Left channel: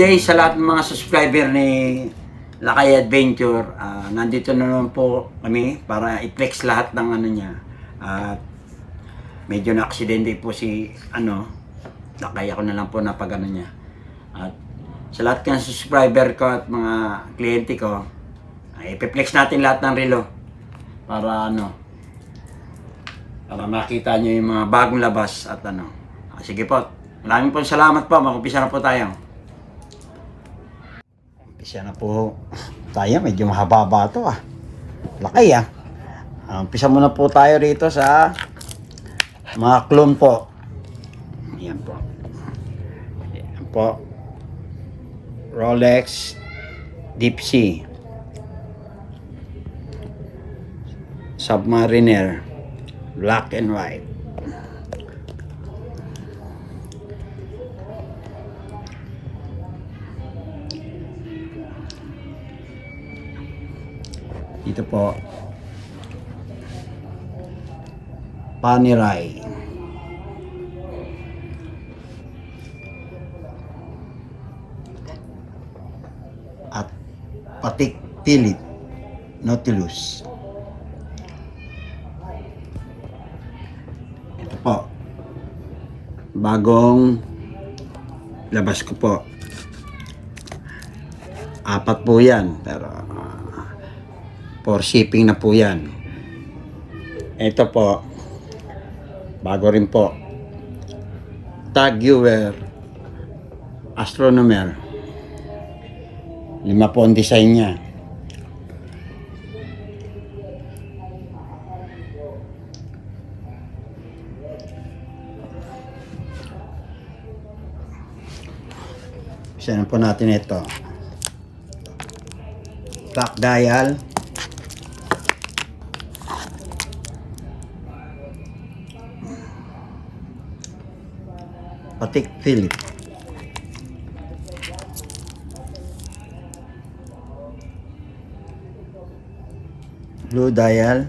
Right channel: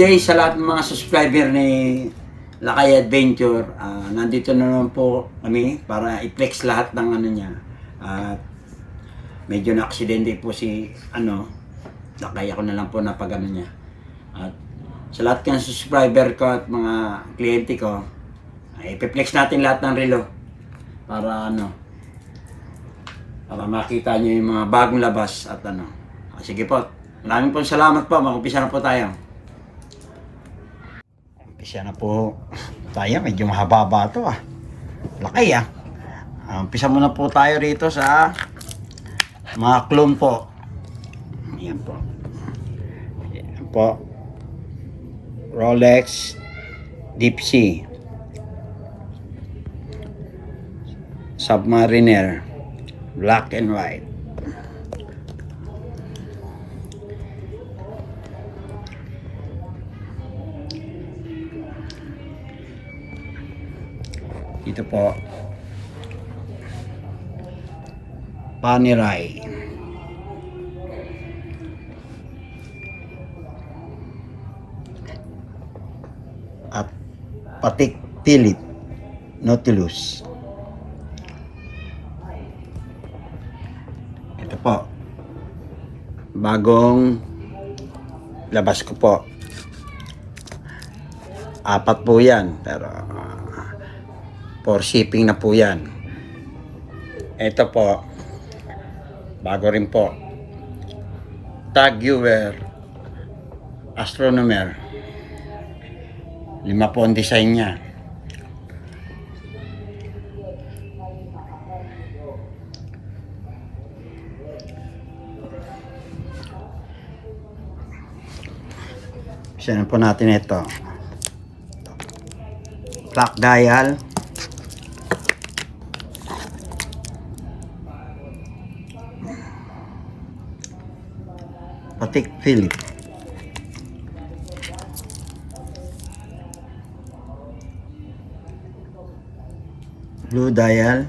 day sa lahat ng mga subscriber ni Lakay Adventure. Nandito na naman po kami para i-flex lahat ng ano niya. At medyo na-aksidente po si Lakay, ako na lang po napag ano niya. At sa lahat ng subscriber ko at mga kliyente ko, i-flex natin lahat ng relo para para makita niyo yung mga bagong labas at sige po. Maraming po salamat po. Mag-umpisa na po tayo. Umpisa na po tayo. Medyo mahaba ito Lakay umpisa muna po tayo rito sa mga clone po. Ayan po. Ayan po. Rolex Deep Sea Submariner black and white. Ito po Panerai at Patek Philippe Nautilus. Ito po bagong labas ko po, 4 po yan, pero for shipping na po yan. Ito po bago rin po, Tag Heuer Astronomer. 5 po ang design niya. Isa na po natin ito. Clock dial. Patek Philippe. Blue dial.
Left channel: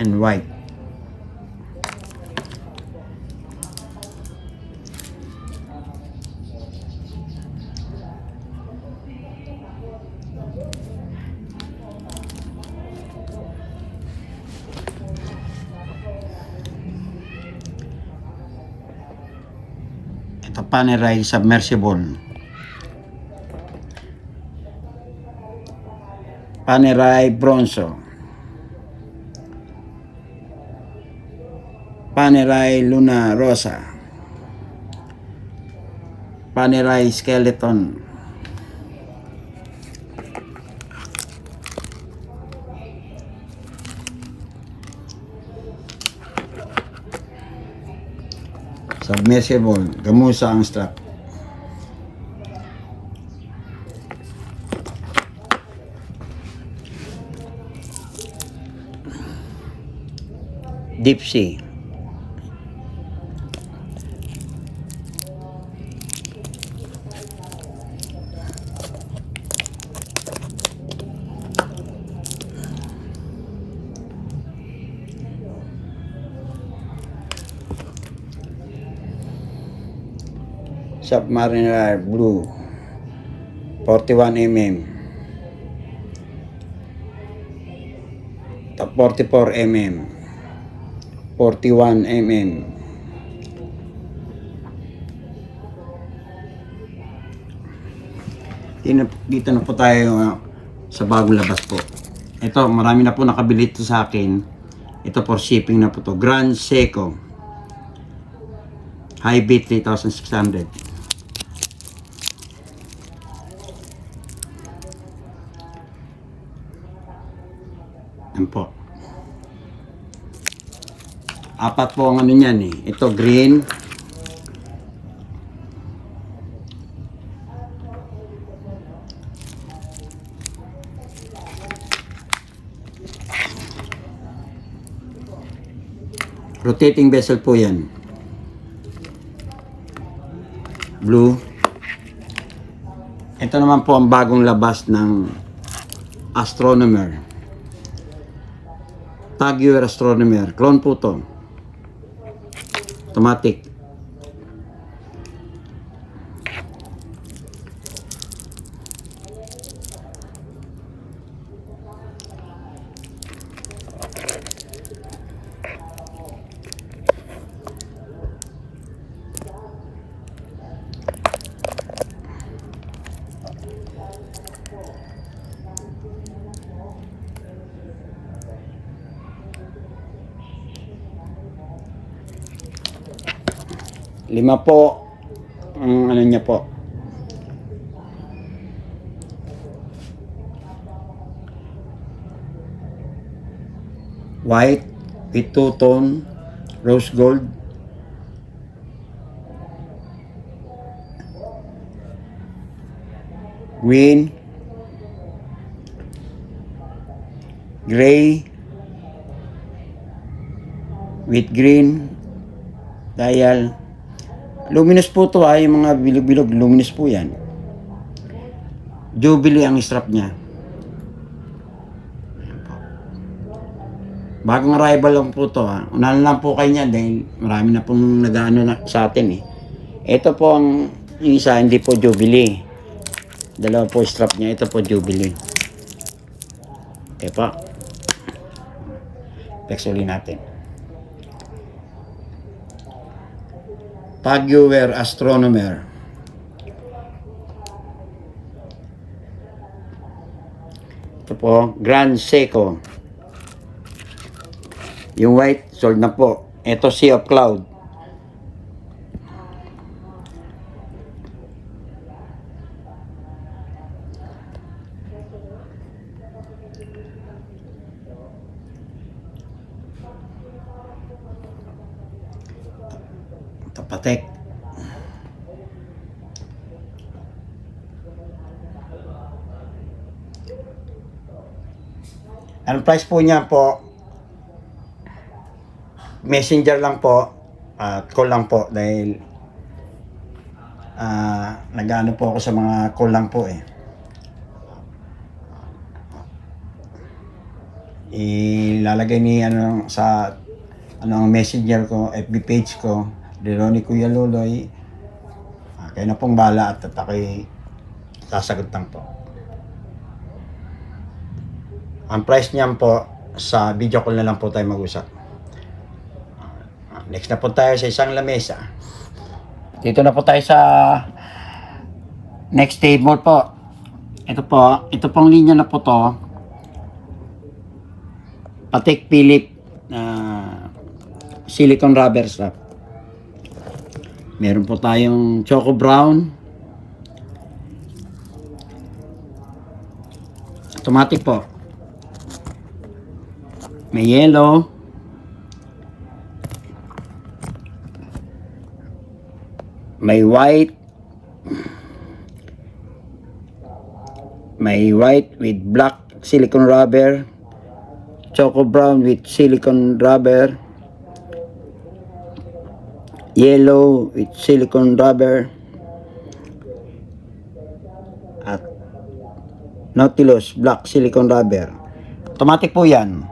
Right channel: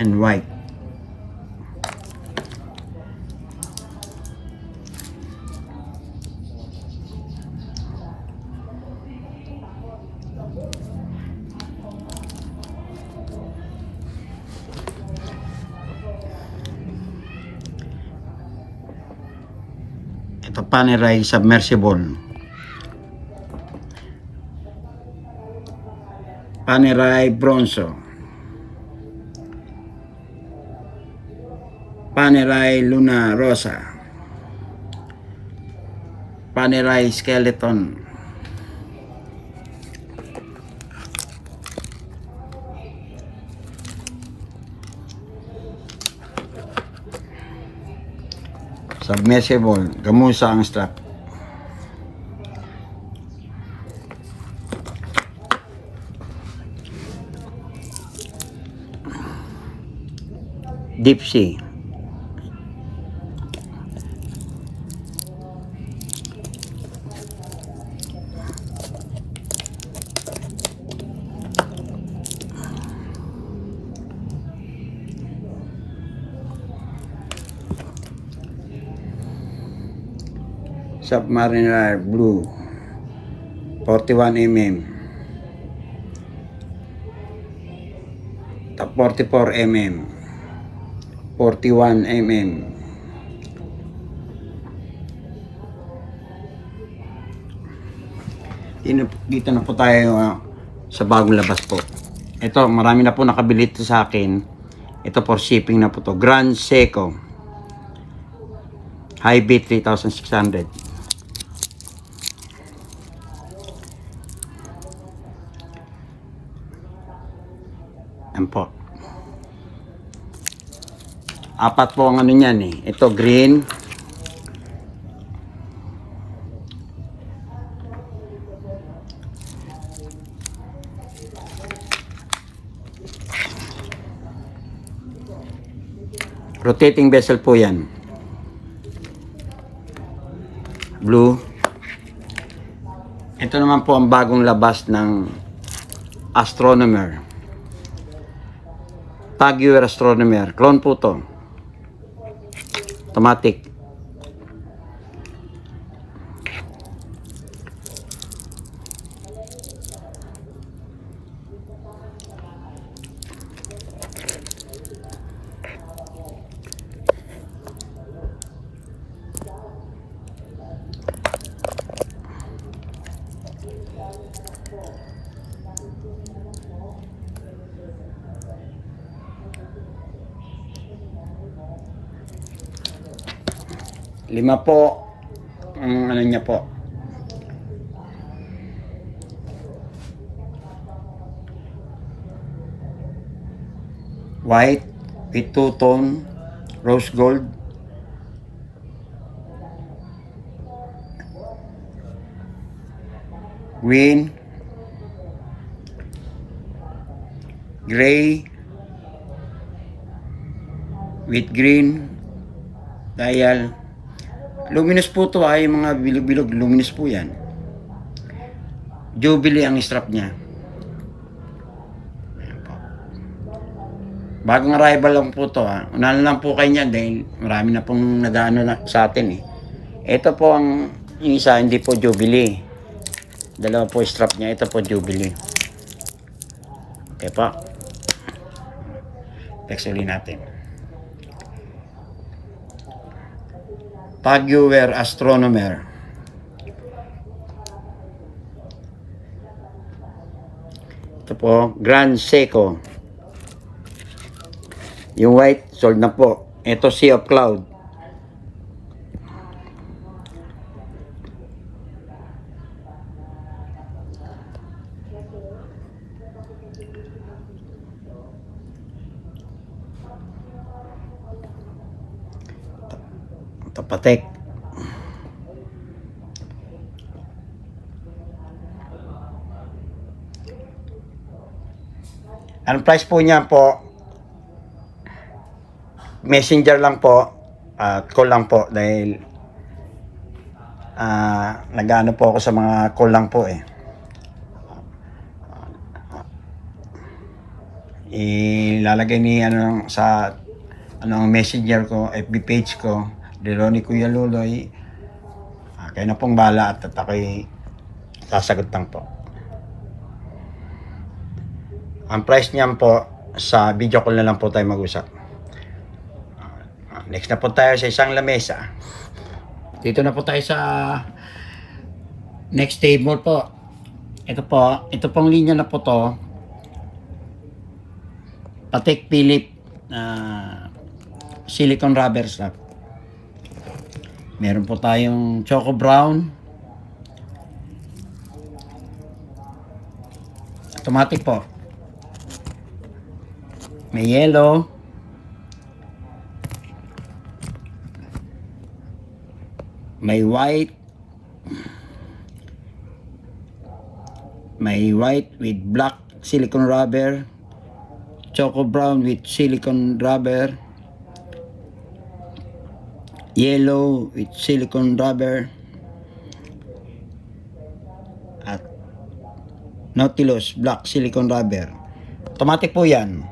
And white. Ito Panerai submersible. Panerai bronzo. Panerai Luna Rosa. Panerai Skeleton. Submersible. Gamusa ang strap. Deep Sea. Submariner blue 41 mm. Top 44 mm. 41 mm. Dito na po tayo sa bagong labas po. Ito, marami na po nakabili ito sa akin. Ito for shipping na po to. Grand Seiko High Beat 3600. Yan po. 4 po ang niyan Ito green. Rotating bezel po yan. Blue. Ito naman po ang bagong labas ng Astronomer. TagHeuer Astronomer. Clone po to. Automatic. Lima po ang ano niya po. White with two-tone rose gold. Green. Gray with green dial. Luminous po to yung mga bilog-bilog, luminous po yan. Jubilee ang strap niya. Bagong arrival lang po to Unahan lang po kayo niya dahil marami na pong nag-ano na sa atin Ito po yung isa, hindi po Jubilee. Dalawa po strap niya, ito po Jubilee. Okay po. Flex ulit natin. TagHeuer Astronomer. Ito po, Grand Seiko. Yung white, sold na po. Ito, Sea of Cloud. Ito, Patek. Ang price po niya po, messenger lang po at call lang po dahil nag-ano po ako sa mga call lang po ilalagay ni sa ang messenger ko, FB page ko, Deloni Kuya Luloy. Kayo na pong bala at ako'y sasagot lang po. Ang price niyan po sa video call na lang po tayo mag-usap. Next na po tayo sa isang lamesa. Dito na po tayo sa next table po. Ito pong linya na po to. Patek Philippe silicone rubber strap. Meron po tayong choco brown. Automatic po. May yellow. May white. May white with black silicone rubber. Choco brown with silicone rubber. Yellow with silicone rubber. At Nautilus black silicone rubber. Automatic po yan.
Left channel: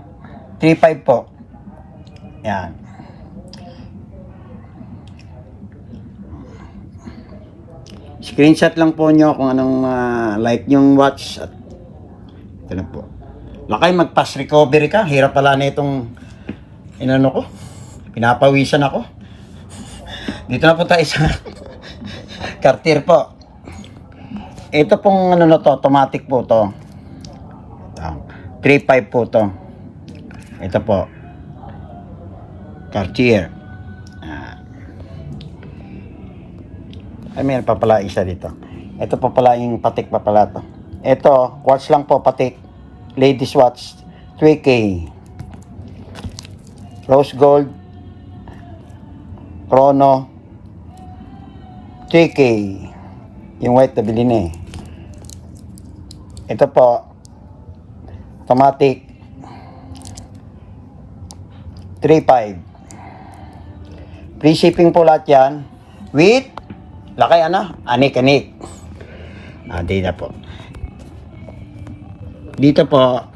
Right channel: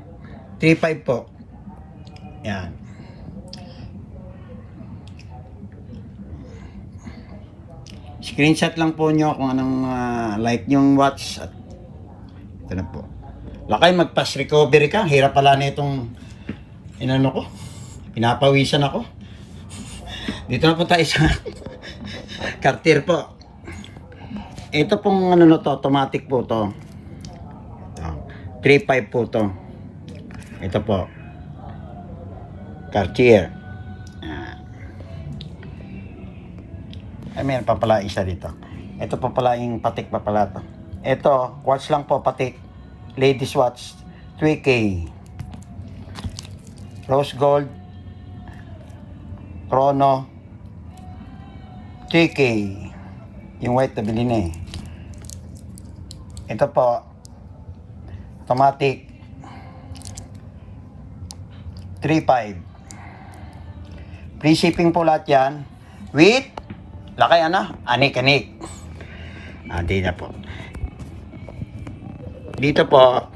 3.5 po. Yan. Screenshot lang po nyo kung anong like nyong watch. At ito na po. Lakay, mag-pass recovery ka. Hirap pala na itong inano ko. Pinapawisan ako. Dito na po tayo sa Cartier po. Ito pong ano na to, automatic po to. 3.5 po to. Ito po. Cartier. Meron pa pala isa dito. Ito pa pala yung Patek pa pala to. Ito, watch lang po, Patek. Ladies watch. 2K. Rose gold. Chrono. 3K. Yung white na bilhin Ito po. Automatic. 3.5. Free shipping po lahat yan. With, lakay ano? Anik-anik. Dito po. Dito po,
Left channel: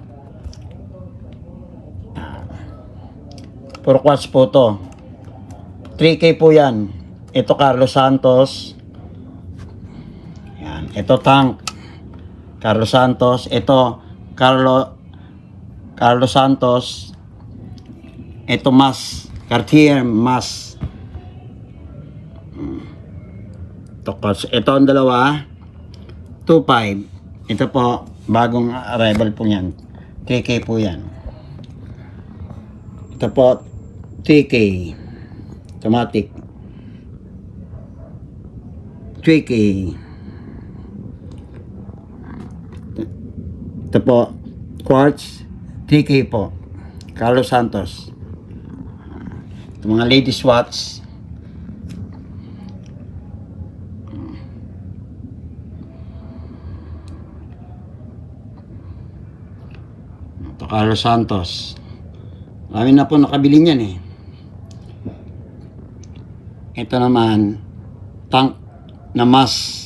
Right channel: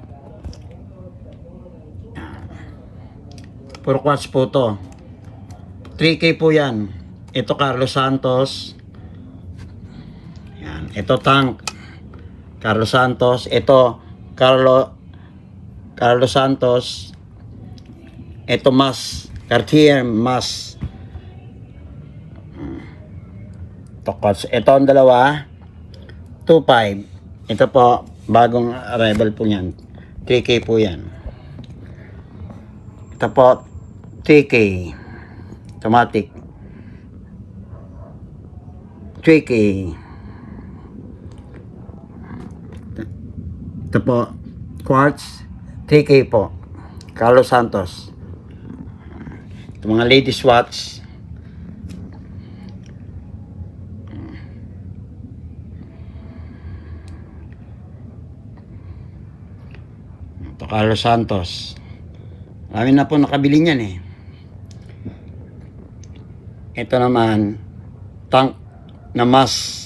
puro quartz po to. 3K po yan. Ito Carlos Santos. Yan. Ito tank. Carlos Santos. Ito Carlos Santos. Ito mas. Cartier mas. Ito ang dalawa. 2.5. Ito po. Bagong arrival po yan. 3K po yan. Ito po. 3K. Automatic. 3K. Ito po, quartz, 3K po. Carlos Santos. Ito mga ladies watch. Ito Carlos Santos. Marami na po nakabili niyan eh. Ito naman, tank na mas.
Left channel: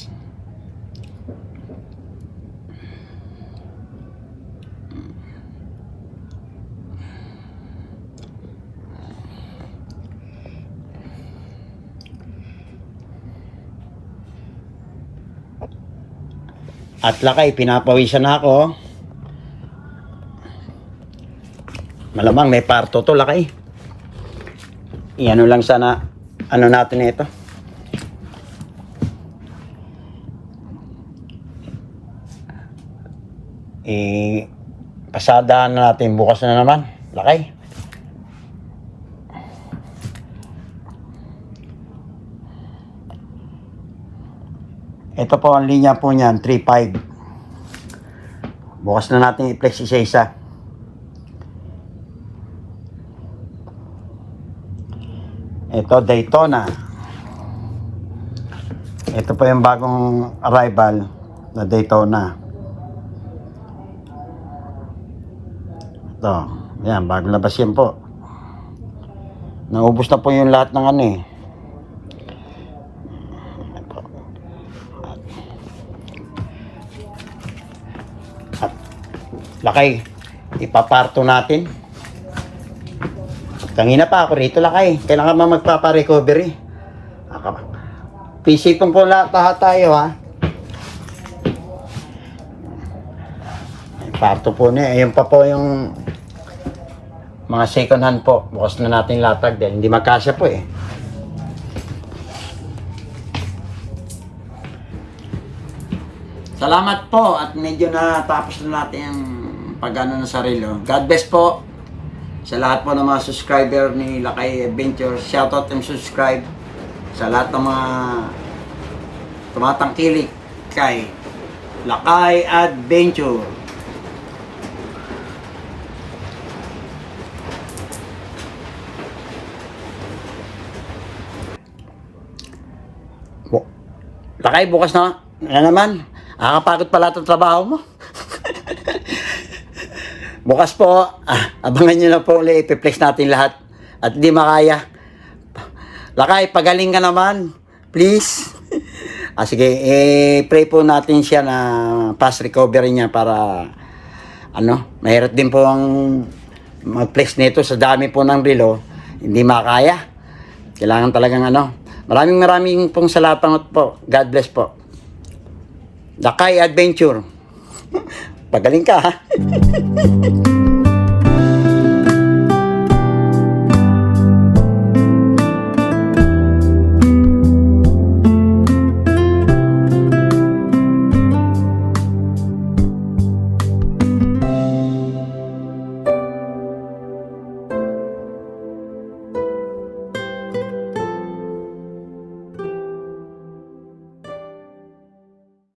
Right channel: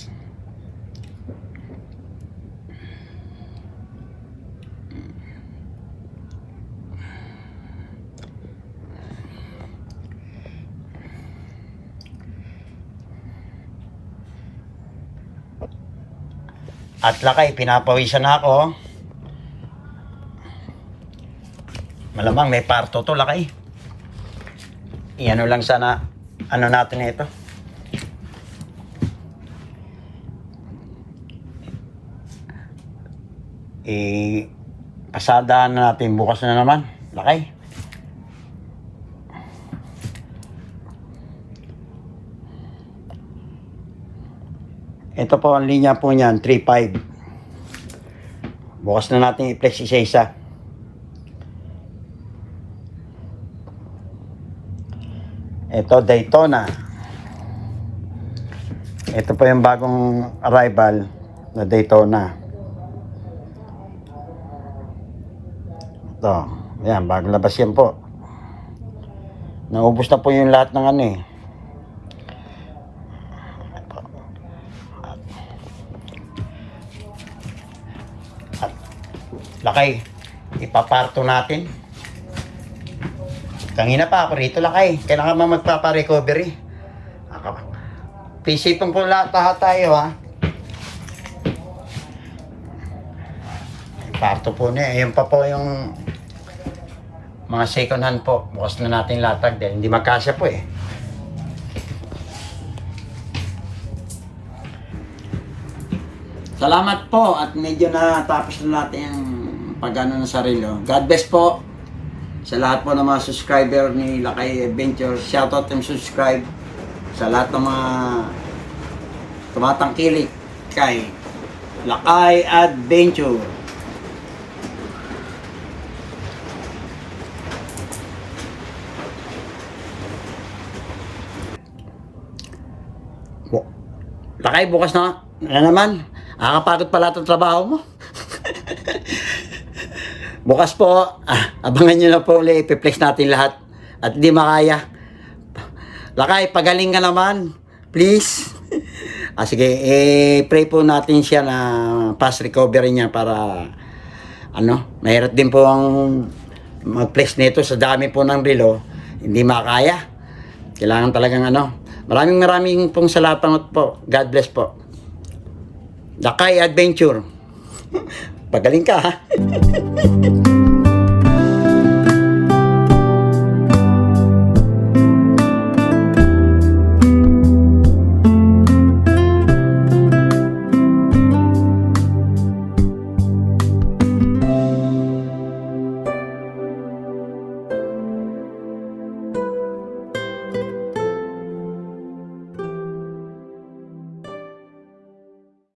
At lakay, pinapawisan na ako. Malamang may parto to, lakay. Iyan lang sana, ano natin ito. Pasadaan na natin, bukas na naman. Lakay. Ito po ang linya po niyan, 3.5. Bukas na natin i-flex isa-isa. Ito Daytona. Ito po yung bagong arrival na Daytona. Ito, yan, bagong labas yan po. Naubos na po yung lahat ng ano eh. Lakay, ipaparto natin. Kanina pa ako rito, lakay. Kailangan magpapa-recovery. Pisipin po lahat tayo, ha. Parto po niya. Ayan pa po yung mga second hand po. Bukas na natin latag dahil hindi magkasya po eh. Salamat po at medyo natapos na natin yung pag-ano ng sarili. God bless po sa lahat po ng mga subscriber ni Lakay Adventure. Shoutout and subscribe sa lahat ng mga tumatangkilik kay Lakay Adventure. Lakay, bukas na naman. Nakakapagod pala itong trabaho mo. Bukas po, abangan nyo na po ulit, ipiplex natin lahat. At di makaya. Lakay, pagaling ka naman. Please. Sige, pray po natin siya na fast recovery niya para mahirap din po ang mag-flex nito sa dami po ng relo. Hindi makaya. Kailangan talagang Maraming pong salamat po. God bless po. Lakay Adventure. Pagaling ka, ha?